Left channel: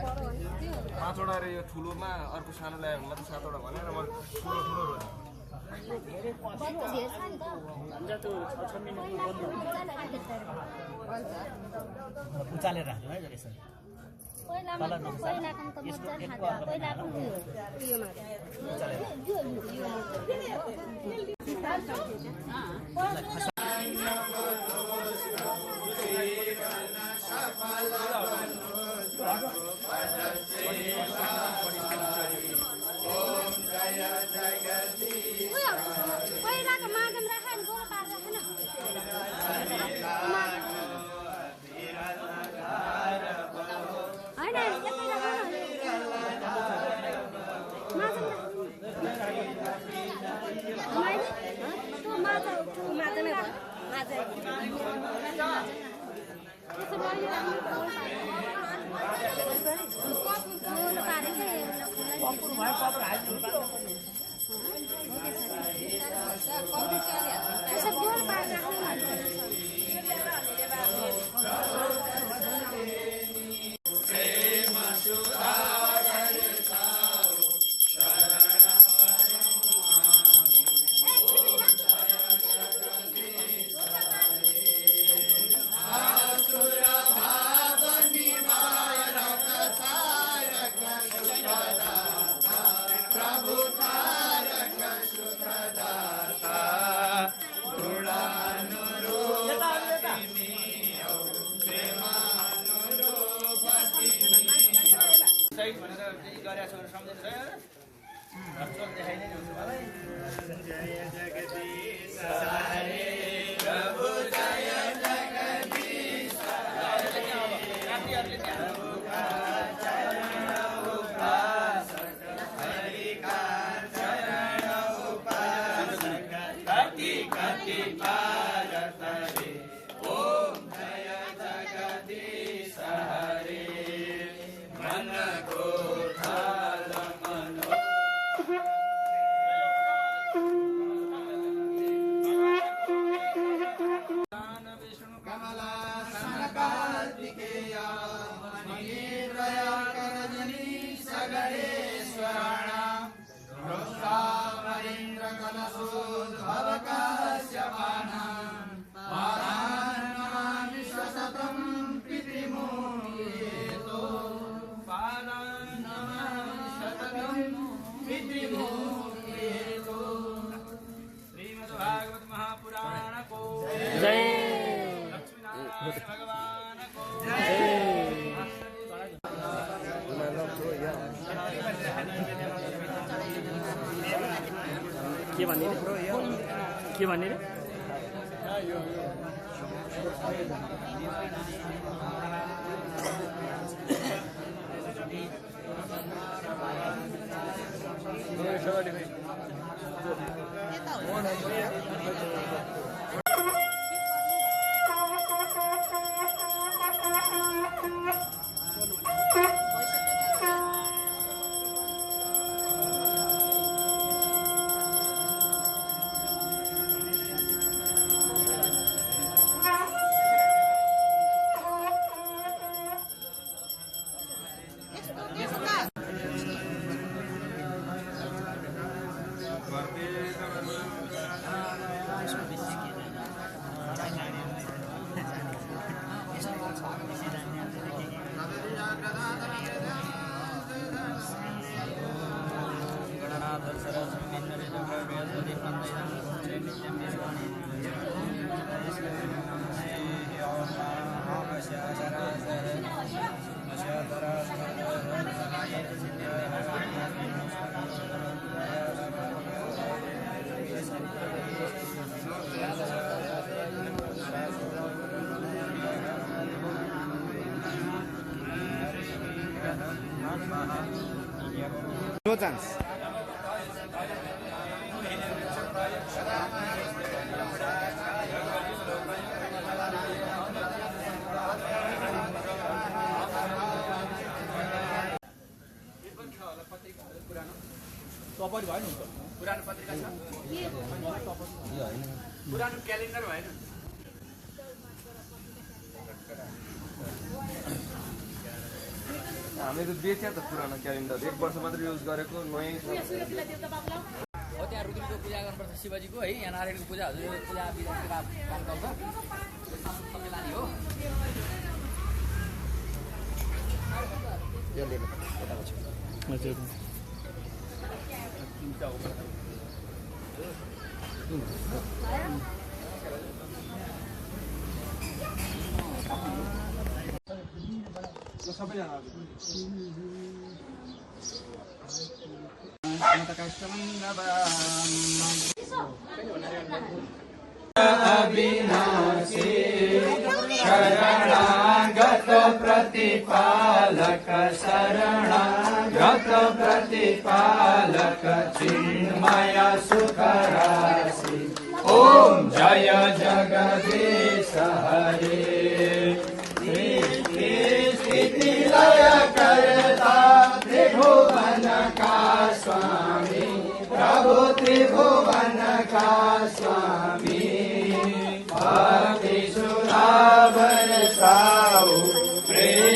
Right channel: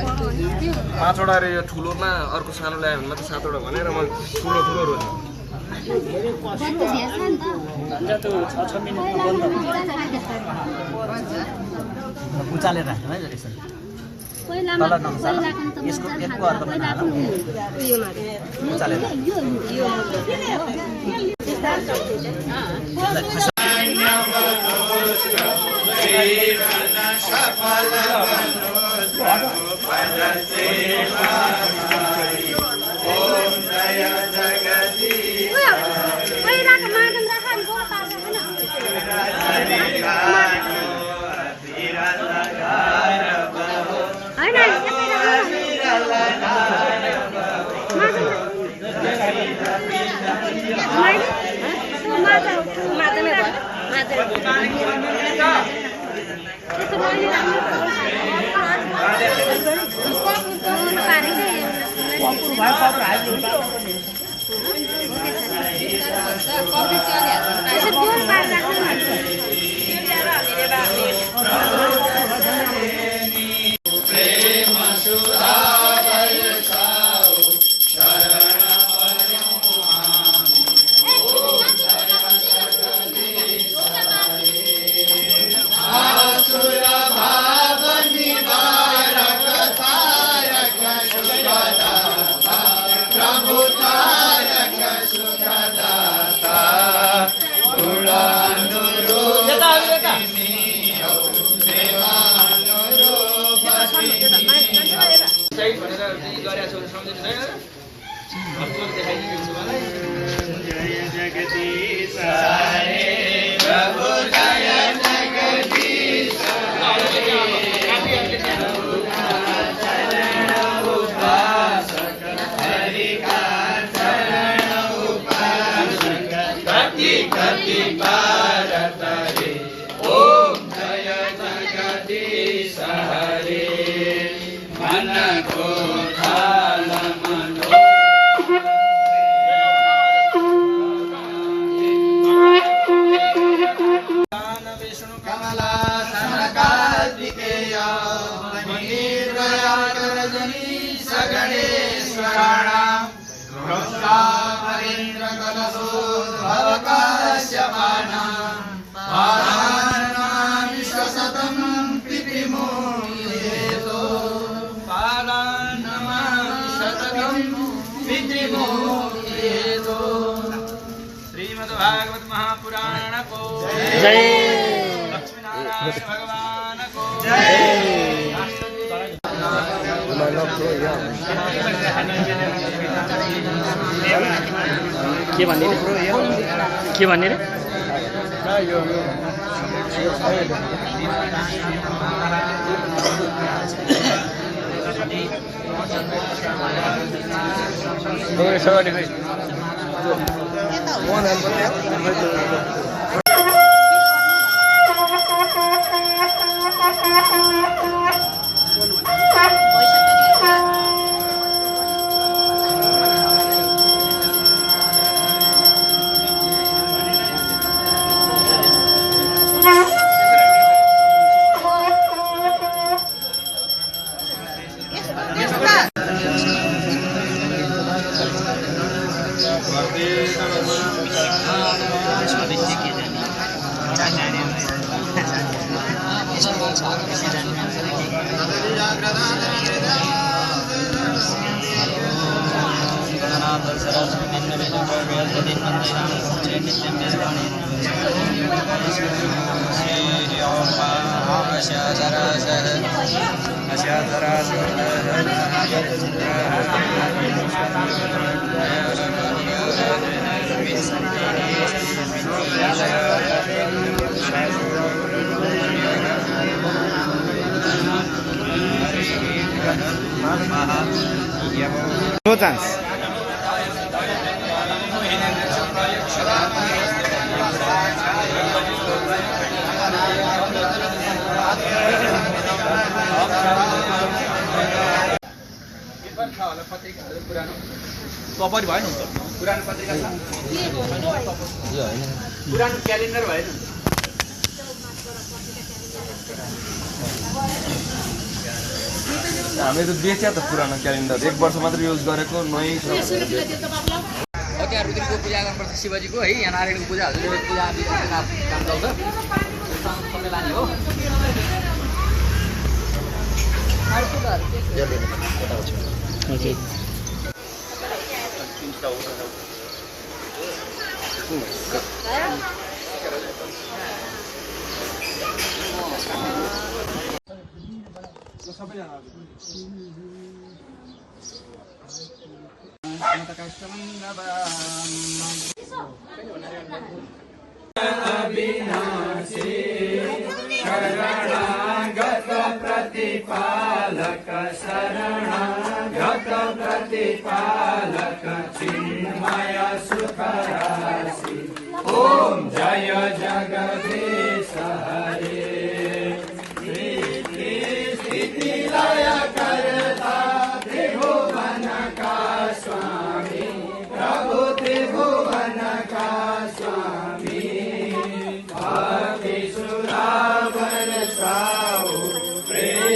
पाँचवटा रे यो ठुलोमा अर्को सानो ल्यायो भने मात्रै सातवटा भनेर म ठुलो ठुलो रोज उचालेर राख्नु है यसरी तल नक्सा यसको एकको अर्को उचालेर भागवत महापुराण को जय। लक्ष्मीनारायण भगवान को के भन्ने रे Om No chance. कपरी भएन हुन्छ पुरानो पत्रिका छ पुरानो क्यालेन्डर भएन हामीले त बेच्यो त पुरानो क्यालेन्डर 1 वर्ष मात्र युज गरेको नयाँ छ ओके रुद्रको पूजा गर्नुपर्छ शिवजीको है यहाँ नारायणको पूजा हजुरको पूजा काम चल्छ सबै लाने हो ओके प्रेम